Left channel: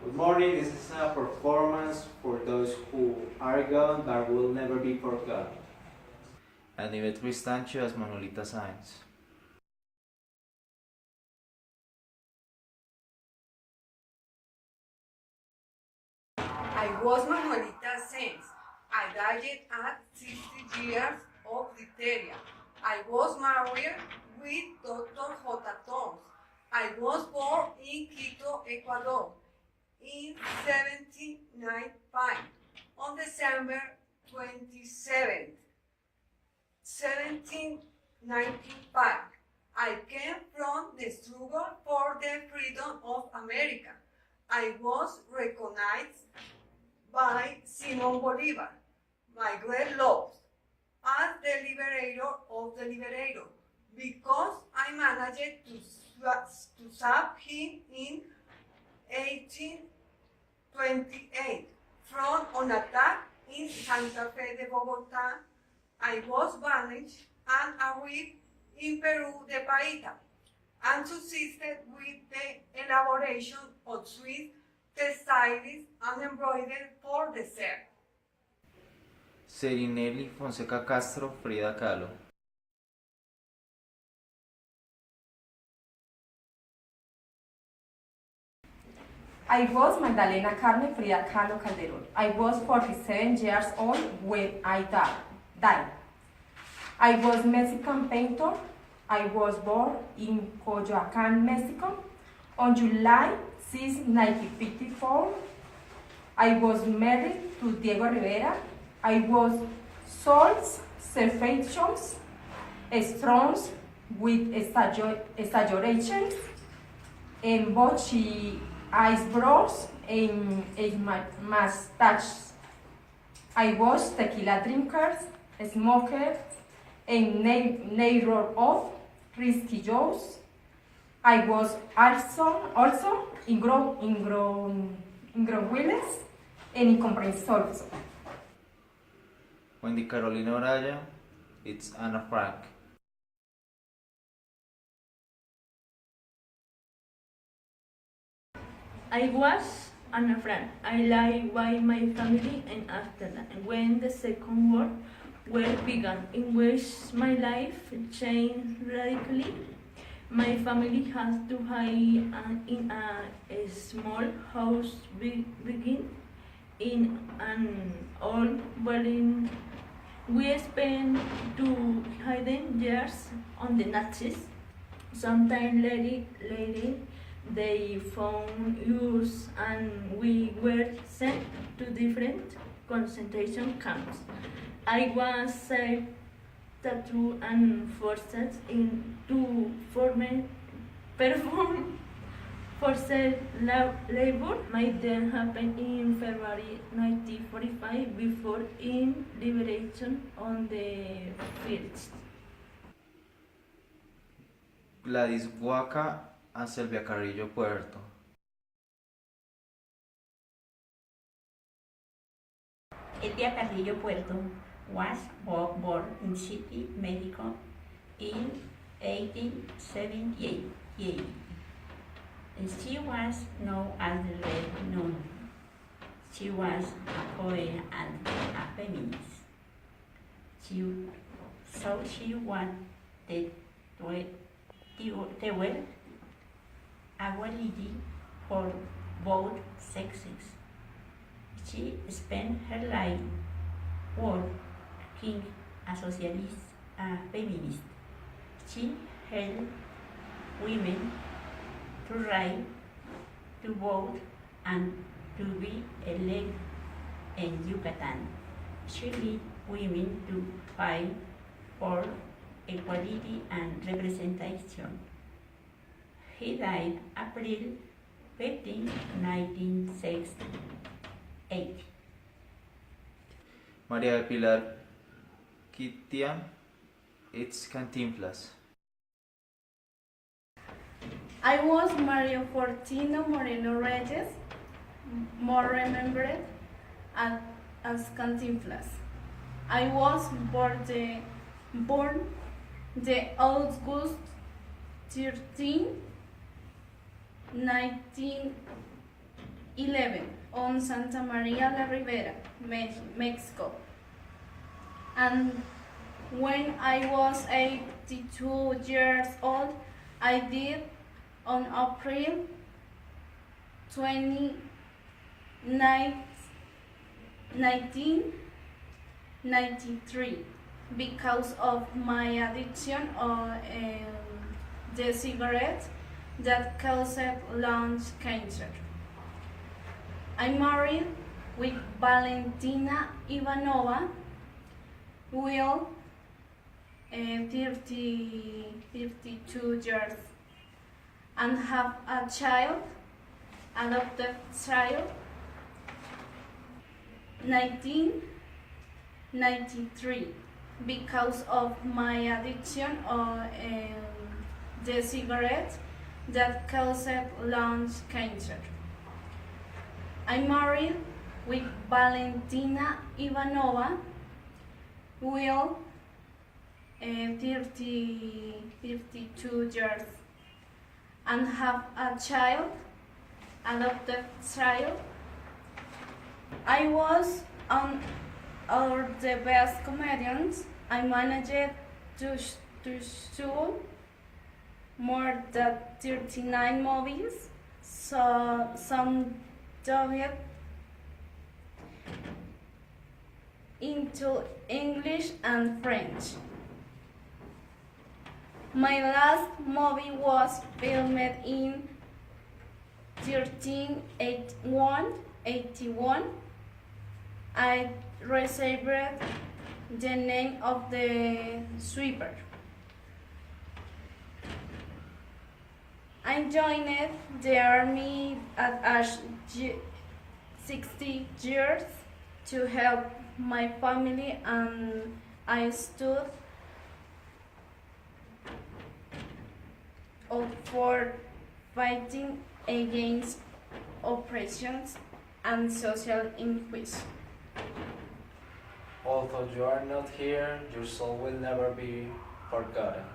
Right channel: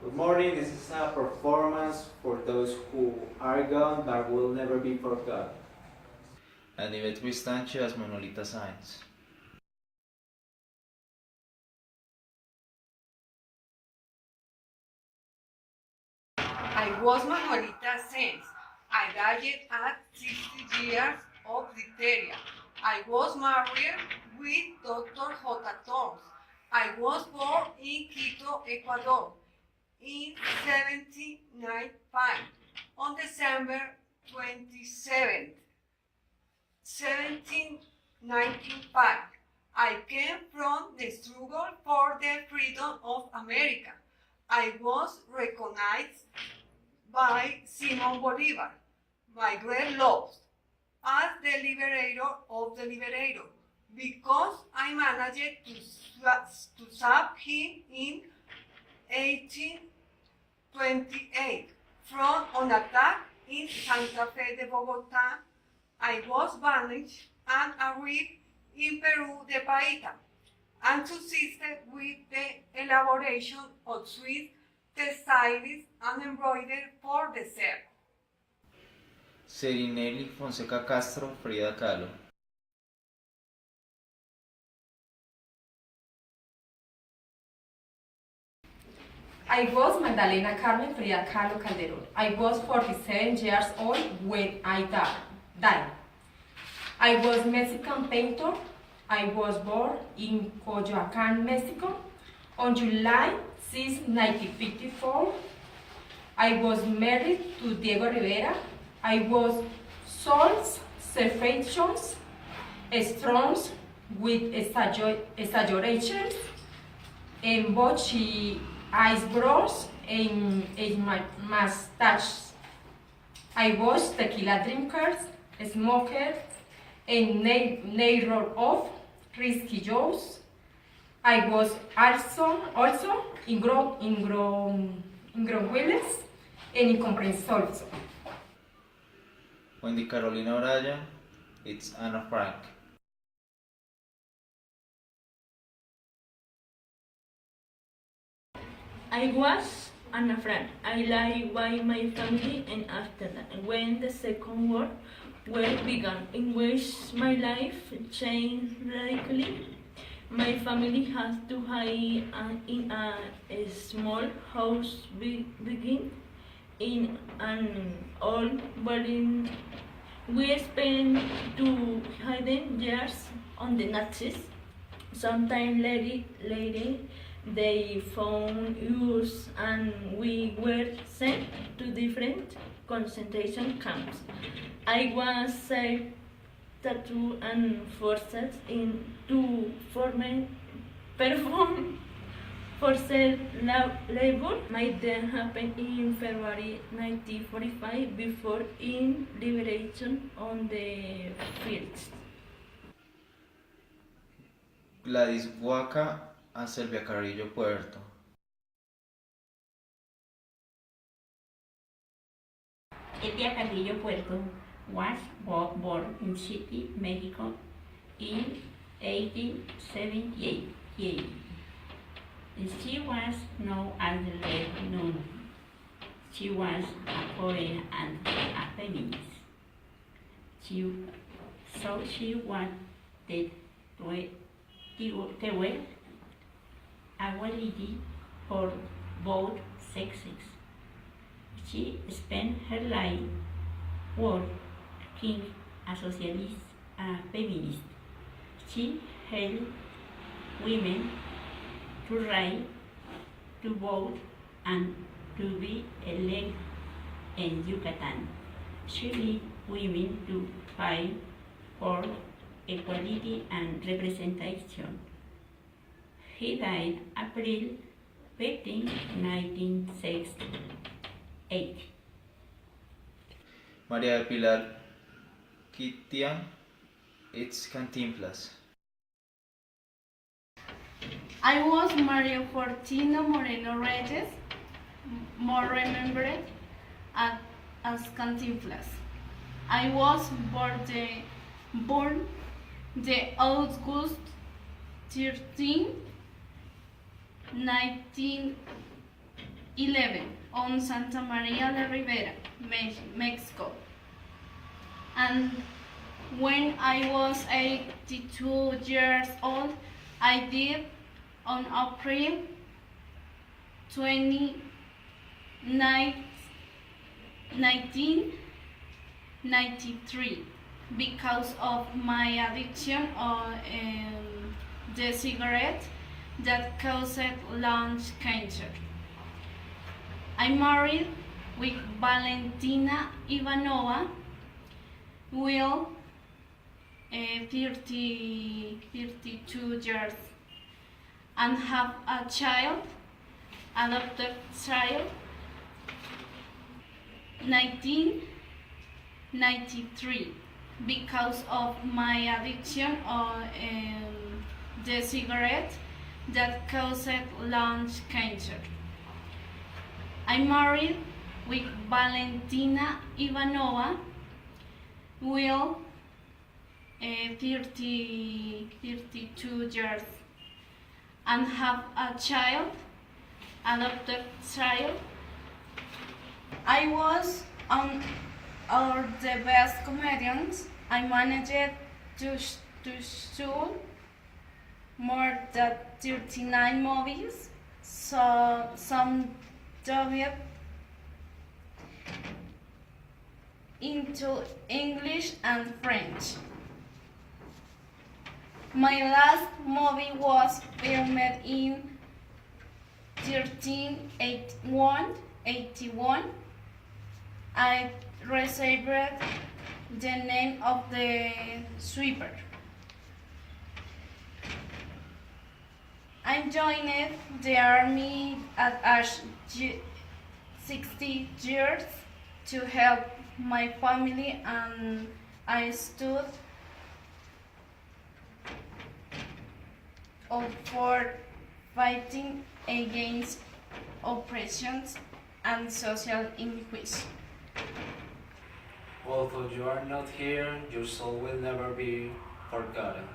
Good morning, this is a performance for those who are gone but will never be forgotten. Anivet Cristancio as Manolita Sáenz. I was Manuelita Sáenz. I died at 60 years of diphtheria. I was married with Dr. J. Torres. I was born in Quito, Ecuador in 1795 on December 27th, 1795. I came from the struggle for the freedom of America. I was recognized by Simon Bolivar, my great love, as the liberator of the liberator, because I managed to save him in 1828 from an attack in Santa Fe de Bogota. I was banished and arrived in Peru de Paita and subsisted with the elaboration of Swiss textiles and embroidery for the sale. Serinelli Fonseca Castro, Frida Kahlo. I was Magdalena Carmen Frida Kahlo Calderon. I was 47 years old when I died. I was Mexican painter. I was born in Coyoacán, Mexico on July 6, 1954. I was married to Diego Rivera. I was souls, separations, storms with exaggerations, and botchy eyebrows and my mustache. I was tequila drinkers, smoker, and neighbor of risky Joes. I was also in Willis and incomprensorio. Wendy Carolina Oraya, it's Anna Frank. I was Anna Frank. I lived with my family, and after that, when the Second World War began, in which my life changed radically, my family had to hide in a small house begin in an old building. We spent 200 years on the Nazis. Sometime later, they found us and we were sent to different concentration camps. I was tattooed and forced into perform forced labor. My death happened in February 1945 before in liberation on the 1st. Gladys Huaca a Silvia Carrillo Puerto. Silvia Carrillo Puerto was born in City, Mexico in 1878. She was known as the Red Nun. She was a poet and a feminist. She wanted to wear equality for both sexes. She spent her life working as a socialist and feminist. She helped women to write, to vote, and to be elected in Yucatan. She led women to fight for equality and representation. He died April 15, 1968. María de Pilar Kitian, it's Cantinflas. I was Maria Fortino Moreno Reyes, more remembered as Cantinflas. I was born the August 13, 11 on Santa Maria la Ribera, Mexico. And when I was 82 years old, I died on April 29, 1993 because of my addiction on the cigarette that caused lung cancer. I'm married with Valentina Ivanova, will 32 years, and have a child, adopted child, 1993 because of my addiction on the cigarette that caused lung cancer. I'm married with Valentina Ivanova, will 32 years, and have a child, adopted child. I was on the best comedians. I managed to shoot more than 39 movies, so some dubbed into English and French. My last movie was filmed in 1381. I received the name of the sweeper. I joined the army at age 60 years to help my family, and I stood up for fighting against oppressions and social injustice. Although you are not here, your soul will never be forgotten.